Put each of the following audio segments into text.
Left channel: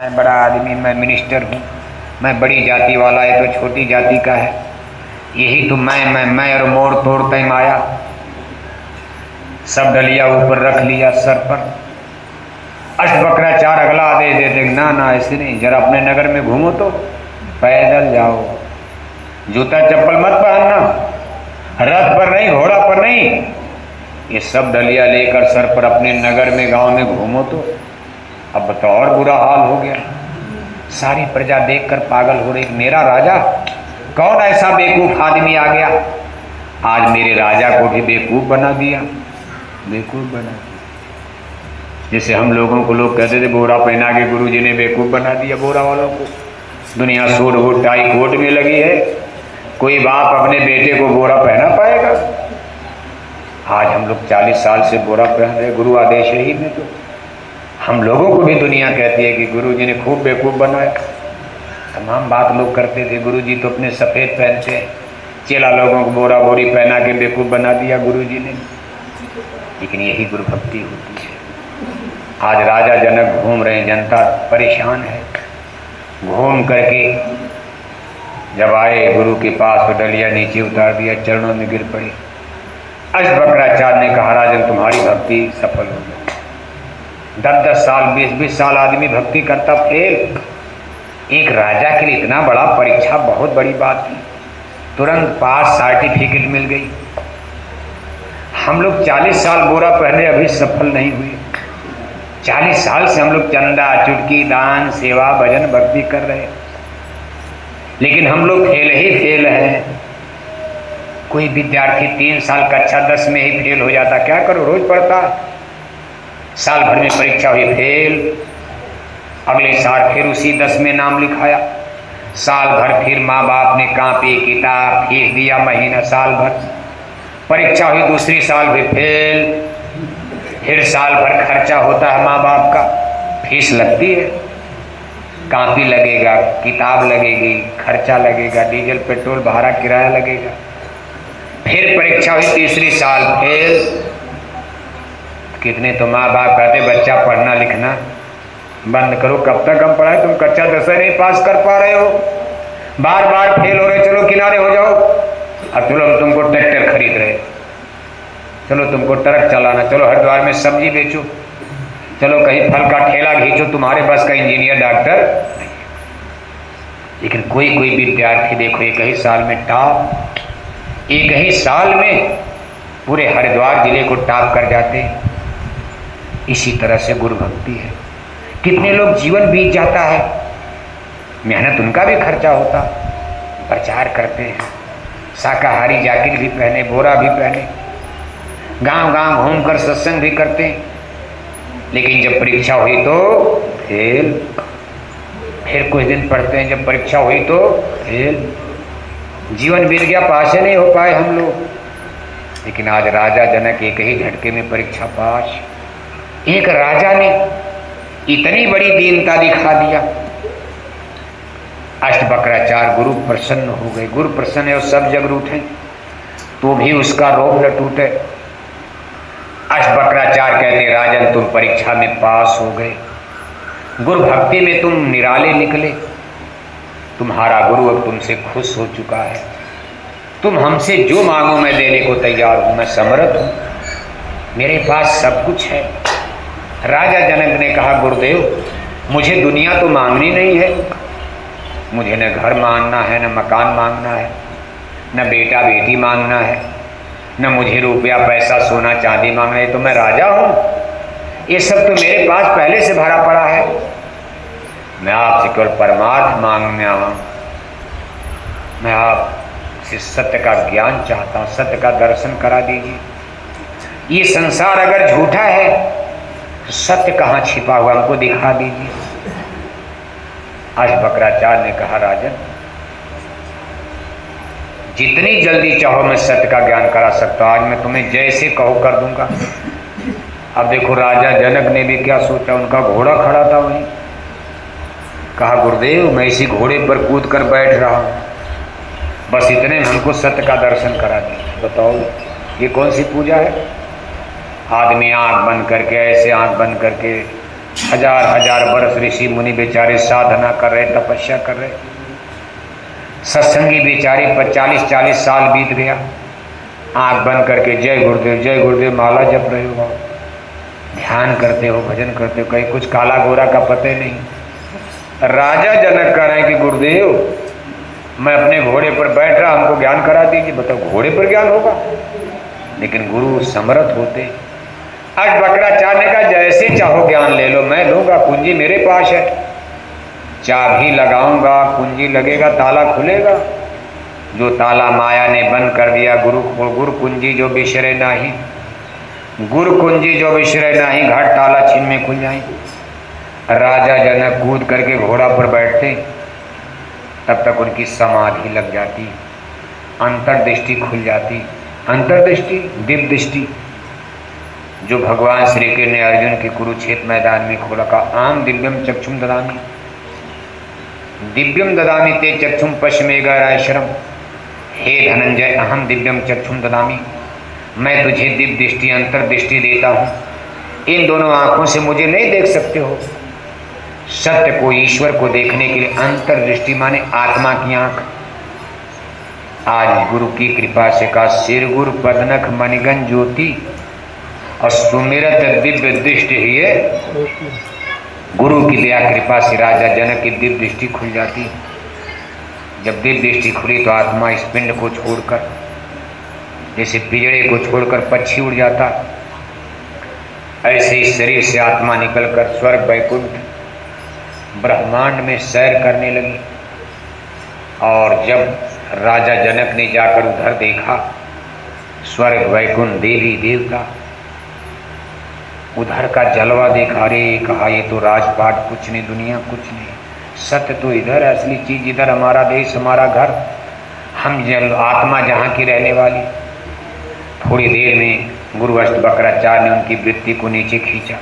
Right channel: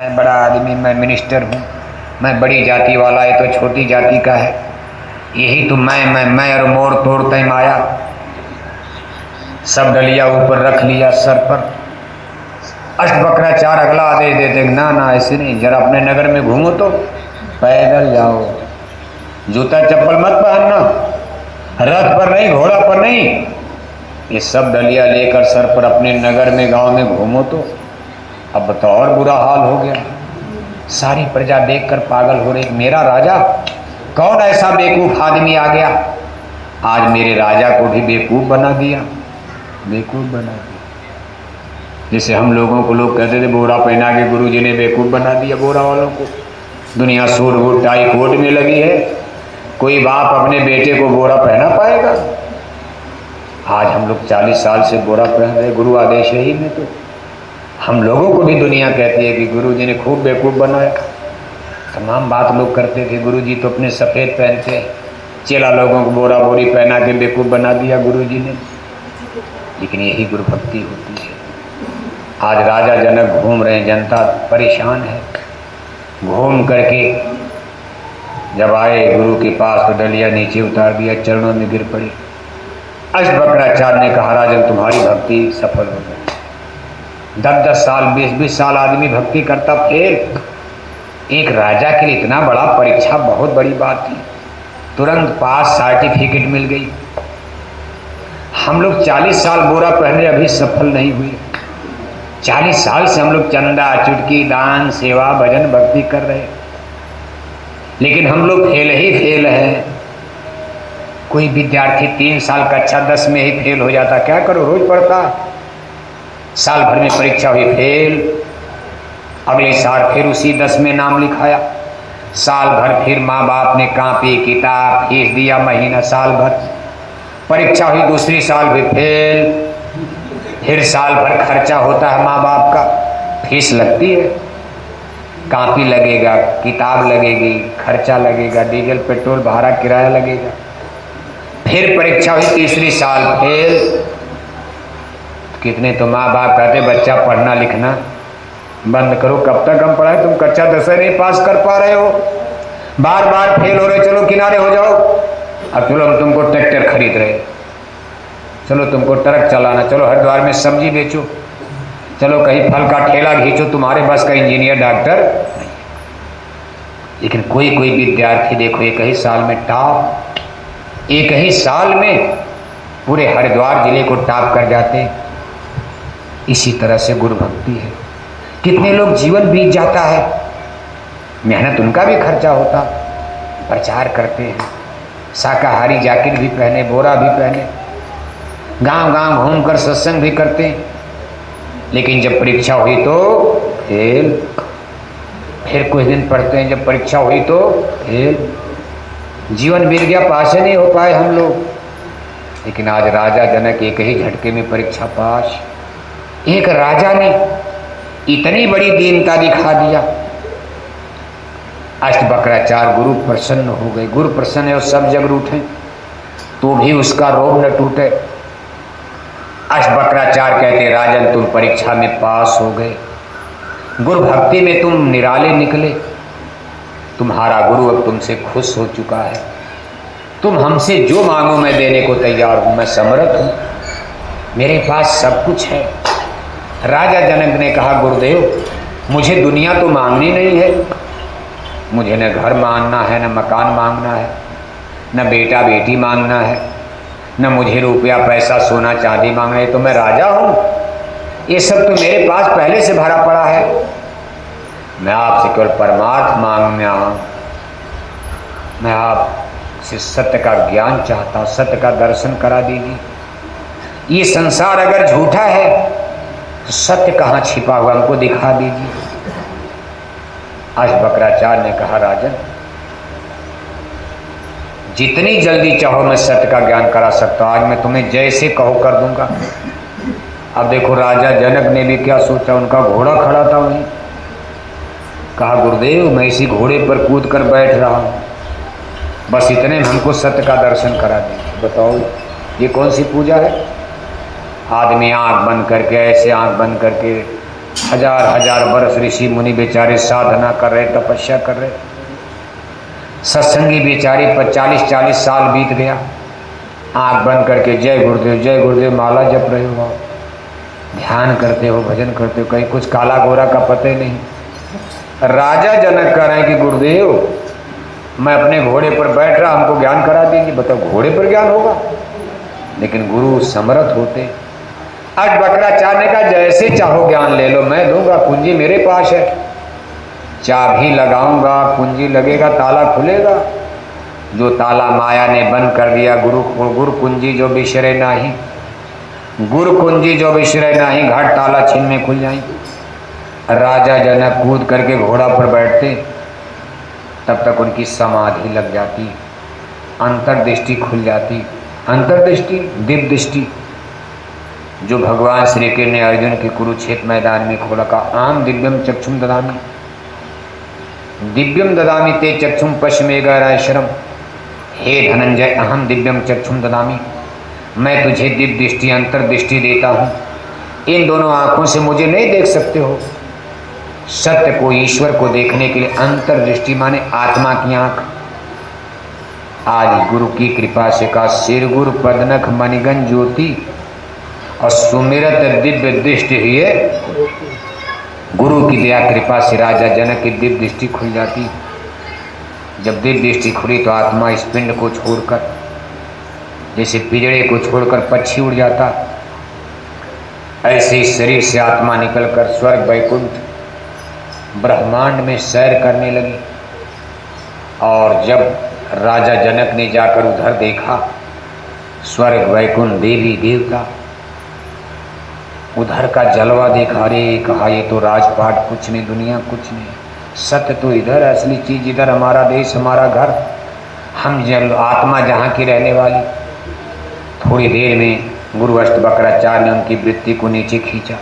मैं बड़ा आदमी, मैं मिनिस्टर हूँ, मैं बड़ी जाति वाला है तो छोटी जाति का है। यही तो मैं और मोर तोड़ते माया, सब डलिया ऊपर रख लिया सर पर। अष्टवक्राचार्य अगला आदेश देते, ना ना ऐसे नहीं, जरा अपने नगर में घूमो तो पैदल जाओ, जूता चप्पल मत पहनना, रथ पर नहीं, घोड़ा पर नहीं, ये सब डलिया लेकर सर पर अपने नगर में गांव में घूमो तो। अब तो और बुरा हाल हो गया, सारी प्रजा देखकर पागल हो रही, मेरा राजा, कौन ऐसा बेवकूफ आदमी आ गया, आज मेरे राजा को भी बेवकूफ बना दिया, बेवकूफ बना दिया। जैसे हम लोगों को लोग कहते थे बोरा पहना के गुरु जी ने बेवकूफ बना दिया बोरा वालों को। दुनिया सूट वूट टाई कोट में लगी है, कोई बाप अपने बेटे को बोरा पहना पाएगा? आज हम लोग 40 साल से बोरा पहन रहे, गुरु आदेश है ही में। तो हम लोगों को भी दुनिया कहती है कि गुरु जी ने खूब बेवकूफ बनाया। तमाम बात लोग करते थे, गुरु जी तो अपने सफ़ेद पहनते हैं, चेला लोगों को बोरा बोरी पहना के बेवकूफ बना दिया गुरु जी ने। लेकिन यही गुरु भक्ति होती है। आज राजा जनक घूम रहे हैं, जनता परेशान है। घूम करके जब आए गुरु के पास तो डलिया नीचे उतार दिया, चरणों में गिर पड़े। अष्टवक्राचार्य ने कहा, राजन तुम्हारी भक्ति सफल हो गई। 10-10 साल 20-20 साल आदमी भक्ति करता, फेल। एक राजा के लिए इतना बड़ा परीक्षा बहुत बड़ी बात थी। तुरंत पास, सर्टिफिकेट मिल गई। हम लोग 40 साल बोरा पहने अभी सफल नहीं हुए। 40 साल से हम लोग चंदा चुटकी दान सेवा भजन भक्ति कर रहे हैं, लेकिन हम लोग फेल ही फेल हैं। कोई विद्यार्थी 3 साल कक्षा 10 में ही फेल हो जाता, क्या करो, रोज पढ़ता। साल भर में परीक्षा हुई, फेल। अगले साल फिर उसी 10 में नाम लिखाया। साल भर फिर माँ बाप ने कापी किताब फीस दिया, महीना साल भर। परीक्षा हुई दूसरी साल भी फेल। फिर साल भर खर्चा होता है माँ बाप का, फीस लगती है, कापी लगेगा, किताब लगेगी, खर्चा लगेगा, डीजल पेट्रोल भाड़ा किराया लगेगा। फिर परीक्षा हुई तीसरी साल, फेल। कितने तो माँ बाप कहते बच्चा पढ़ना लिखना बंद करो, कब तक हम पढ़ाए, तुम कक्षा 10 नहीं पास कर पा रहे हो, बार बार फेल हो रहे, चलो किनारे हो जाओ। अब चलो हम तुमको ट्रैक्टर खरीद रहे, चलो तुमको ट्रक चलाना, चलो हरिद्वार में सब्जी बेचो, चलो कहीं फल का ठेला खींचो, तुम्हारे बस का इंजीनियर डॉक्टर नहीं। लेकिन कोई कोई विद्यार्थी देखो एक ही साल में टॉप, एक ही साल में पूरे हरिद्वार जिले को टॉप कर जाते। इसी तरह से गुरु भक्ति है। कितने लोग जीवन बीत जाता है, मेहनत उनका भी खर्चा होता, प्रचार करते हैं, शाकाहारी जैकेट भी पहने, बोरा भी पहने, गांव गांव घूमकर सत्संग भी करते हैं, लेकिन जब परीक्षा हुई तो फेल। फिर कुछ दिन पढ़ते हैं, जब परीक्षा हुई तो फेल। जीवन बीत गया, पास ही नहीं हो पाए हम लोग। लेकिन आज राजा जनक एक ही झटके में परीक्षा पास। एक राजा ने इतनी बड़ी दीनता दिखा दिया, अष्टवक्राचार्य गुरु प्रसन्न हो गए। गुरु प्रसन्न है और सब जग रूठे तो भी उसका रोब न टूटे। अष्टवक्राचार्य कहते, राजन तुम परीक्षा में पास हो गए, गुरु भक्ति में तुम निराले निकले, तुम्हारा गुरु अब तुमसे खुश हो चुका है, तुम हमसे जो मांगो मैं देने को तैयार हूं, मैं समर्थ हूं, मेरे पास सब कुछ है। राजा जनक ने कहा, गुरुदेव मुझे दुनिया तो मांगनी नहीं है, मुझे न घर मांगना है, न मकान मांगना है, न बेटा बेटी मांगना है, न मुझे रुपया पैसा सोना चांदी मांगना है, तो मैं राजा हूँ, ये सब तो मेरे पास पहले से भरा पड़ा है। मैं आपसे केवल परमार्थ मांगना हूँ, मैं आपसे सत्य का ज्ञान चाहता हूँ, सत्य का दर्शन करा दीजिए। ये संसार अगर झूठा है तो सत्य कहाँ छिपा हुआ हमको दिखा दीजिए। अष्टवक्राचार्य ने कहा, राजन जितनी जल्दी चाहो मैं सत्य का ज्ञान करा सकता हूँ, आज मैं तुम्हें जैसे कहो कर दूंगा। अब देखो राजा जनक ने भी क्या सोचा, उनका घोड़ा खड़ा था वहीं, कहा गुरुदेव मैं इसी घोड़े पर कूद कर बैठ रहा हूँ, बस इतने हमको सत्य का दर्शन करा दीजिए। बताओ ये कौन सी पूजा है? आदमी आंख बंद करके, ऐसे आंख बंद करके हजार हजार वर्ष ऋषि मुनि बेचारे साधना कर रहे, तपस्या कर रहे, सत्संगी बेचारे 40-40 साल बीत गया, आंख बंद करके जय गुरुदेव माला जप रहे हो, ध्यान करते हो, भजन करते हो, कहीं कुछ काला गोरा का पता ही नहीं। राजा जनक कह रहे हैं कि गुरुदेव मैं अपने घोड़े पर बैठ रहा, हमको ज्ञान करा दीजिए। बताओ घोड़े पर ज्ञान होगा? लेकिन गुरु समर्थ होते। आज बकरा चाहने का जैसे चाहो ज्ञान ले लो, मैं दूंगा, कुंजी मेरे पास है, चाबी लगाऊंगा, कुंजी लगेगा, ताला खुलेगा। जो ताला माया ने बंद कर दिया, गुरु कुंजी जो बिसरे नाही, गुरु कुंजी जो बिसरे नाही, घाट ताला छीन में खुल जाए। राजा जनक कूद करके घोड़ा पर बैठते, तब तक उनकी समाधि लग जाती, अंतर्दृष्टि खुल जाती। अंतर्दृष्टि, दिव्य दृष्टि जो भगवान श्री कृष्ण ने अर्जुन के कुरुक्षेत्र मैदान में खोला, का आम दिव्यम चक्षुम ददामि, दिव्यम ददामि ते चक्षुम पश्चिमेगाराशरम। हे धनंजय, अहम दिव्यम चक्षुम ददामि, मैं तुझे दिव्य दृष्टि, अंतर्दृष्टि देता हूँ। इन दोनों आंखों से मुझे नहीं देख सकते हो। सत्य को, ईश्वर को देखने के लिए अंतर्दृष्टि माने आत्मा की आंख। आज गुरु की कृपा से का सिर गुरु पदनख मणिगन ज्योति और सुमिरत दिव्य दृष्टि ही है। गुरु की दया कृपा से राजा जनक की दिव्य दृष्टि खुल जाती। जब दिव्य दृष्टि खुली तो आत्मा इस पिंड को छोड़कर, जैसे पिंजड़े को छोड़कर पक्षी उड़ जाता, ऐसे ही शरीर से आत्मा निकलकर स्वर्ग वैकुंठ ब्रह्मांड में सैर करने लगी। और जब राजा जनक ने जाकर उधर देखा, स्वर्ग वैकुंठ देवी देवता, उधर का जलवा देखा, अरे कहा ये तो राजपाट कुछ नहीं, दुनिया कुछ नहीं, सत्य तो इधर, असली चीज इधर, हमारा देश, हमारा घर, हम आत्मा जहाँ की रहने वाली। थोड़ी देर में गुरु अष्टवक्राचार्य ने उनकी वृत्ति को नीचे खींचा।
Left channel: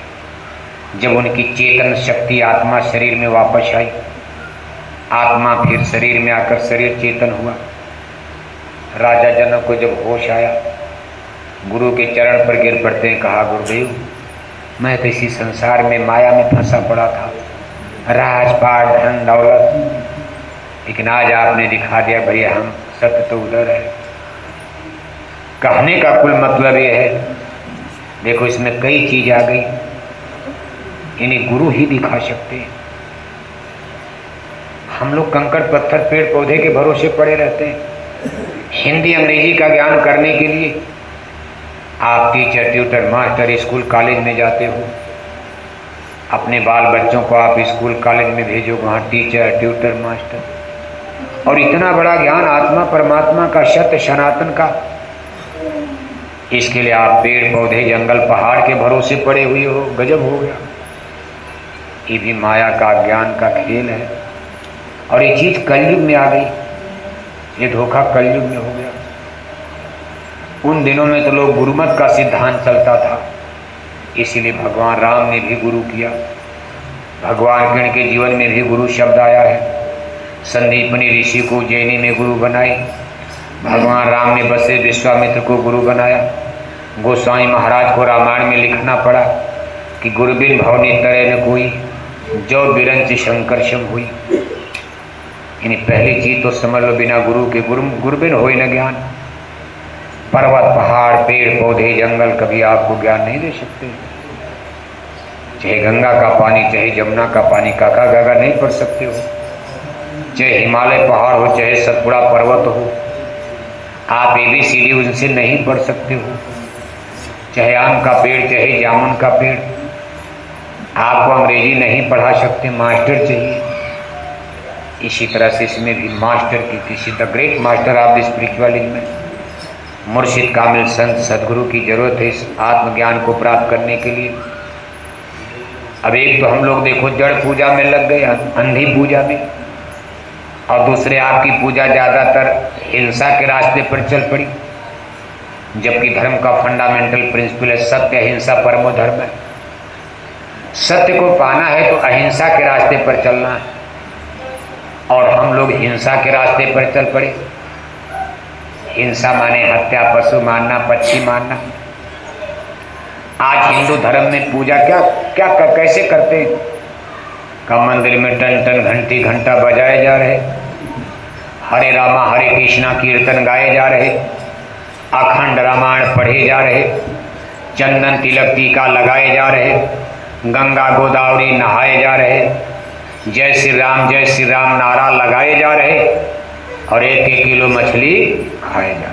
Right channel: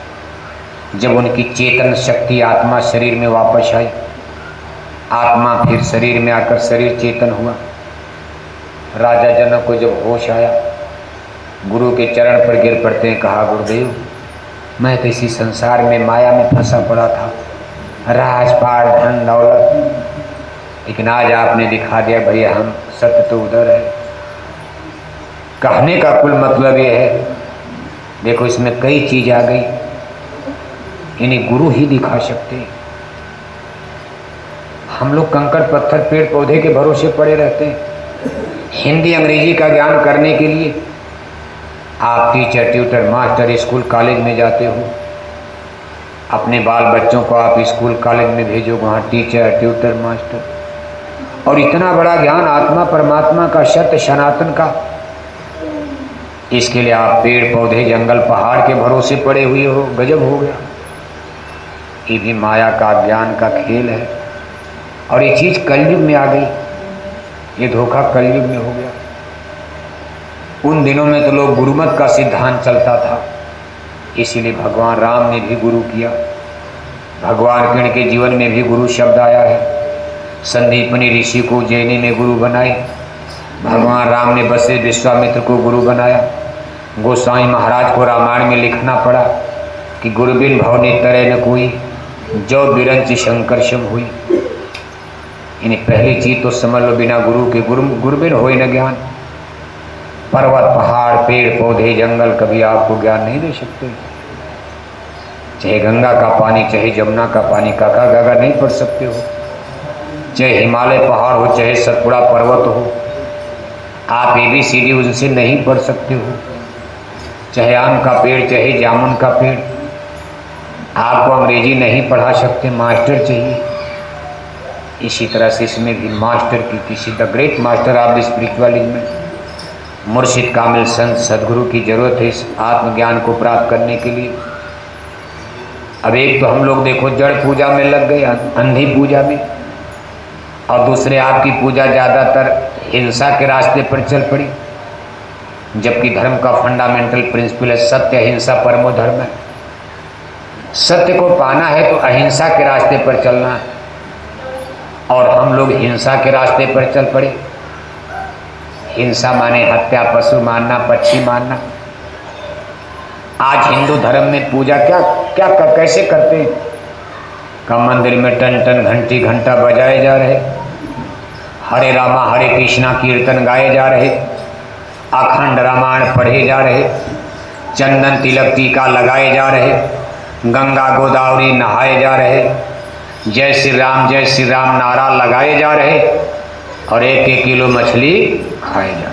जब उनकी चेतन शक्ति आत्मा शरीर में वापस आई, आत्मा फिर शरीर में आकर शरीर चेतन हुआ। राजा जनक को जब होश आया, गुरु के चरण पर गिर पड़ते हैं, कहा गुरुदेव मैं तो इसी संसार में माया में फंसा पड़ा था, राजपाट धन दौलत, लेकिन आज आपने दिखा दिया भैया हम सत्य तो उधर है। कहने का कुल मतलब ये है, देखो इसमें कई चीज आ गई, इन्हें गुरु ही दिखा सकते हैं। हम लोग कंकड़ पत्थर पेड़ पौधे के भरोसे पड़े रहते हैं। हिंदी अंग्रेजी का ज्ञान करने के लिए आप teacher, tutor, master, school college में जाते हो, अपने बाल बच्चों को आप स्कूल कॉलेज में भेजो, वहाँ टीचर, ट्यूटर, मास्टर, और इतना बड़ा ज्ञान आत्मा परमात्मा का, सत्य सनातन का, इसके लिए आप पेड़ पौधे जंगल पहाड़ के भरोसे पड़े हुए हो। गजब हो गया। ये भी माया का, ज्ञान का खेल है। और ये चीज कलयुग में आ गई, ये धोखा कलयुग में हो गया। उन दिनों में तो लोग गुरुमत का सिद्धांत चलता था, इसीलिए भगवान राम ने भी गुरु किया। भगवान कृष्ण के जीवन में भी गुरु शब्द आया है। संदीपनी ऋषि को उज्जैनी में गुरु बनाए, भगवान राम ने बसे विश्वामित्र को गुरु बनाया। गोस्वामी महाराज को रामायण में लिखना पड़ा कि गुरुबिन भवनी तरह न कोई, जो बिरंच शंकर शिव हुई। यानी पहली चीज तो समझ लो, बिना गुरु के गुरुबिन हो न ज्ञान। पर्वत, पहाड़, पेड़ पौधे, जंगल कभी आपको ज्ञान नहीं दे सकते। चाहे गंगा का पानी, चाहे जमुना का पानी, काका गागा नहीं पढ़ सकते हो। चाहे हिमालय पहाड़ हो, चाहे सतपुड़ा पर्वत हो, आप ABCD उनसे नहीं पढ़ सकते हो। चाहे आम का पेड़, चाहे जामुन का पेड़, आपको अंग्रेजी नहीं पढ़ा सकते, मास्टर चाहिए। इसी तरह से इसमें भी मास्टर की, किसी the great master of the spiritualism में मुर्शिद कामिल संत सदगुरु की जरूरत है इस आत्मज्ञान को प्राप्त करने के लिए। अब एक तो हम लोग देखो जड़ पूजा में लग गए, अंधी पूजा में, और दूसरे आपकी पूजा ज़्यादातर हिंसा के रास्ते पर चल पड़ी, जबकि धर्म का फंडामेंटल प्रिंसिपल है सत्य अहिंसा परमो धर्म है। सत्य को पाना है तो अहिंसा के रास्ते पर चलना है, और हम लोग हिंसा के रास्ते पर चल पड़े। हिंसा माने हत्या, पशु मारना, पक्षी मारना। आज हिंदू धर्म में पूजा क्या क्या कैसे करते हैं? का मंदिर में टन टन घंटी घंटा बजाए जा रहे, हरे रामा हरे कृष्णा कीर्तन गाए जा रहे, अखंड रामायण पढ़े जा रहे, चंदन तिलक टीका लगाए जा रहे, गंगा गोदावरी नहाए जा रहे, जय श्री राम नारा लगाए जा रहे और 1-1 किलो मछली खाए जा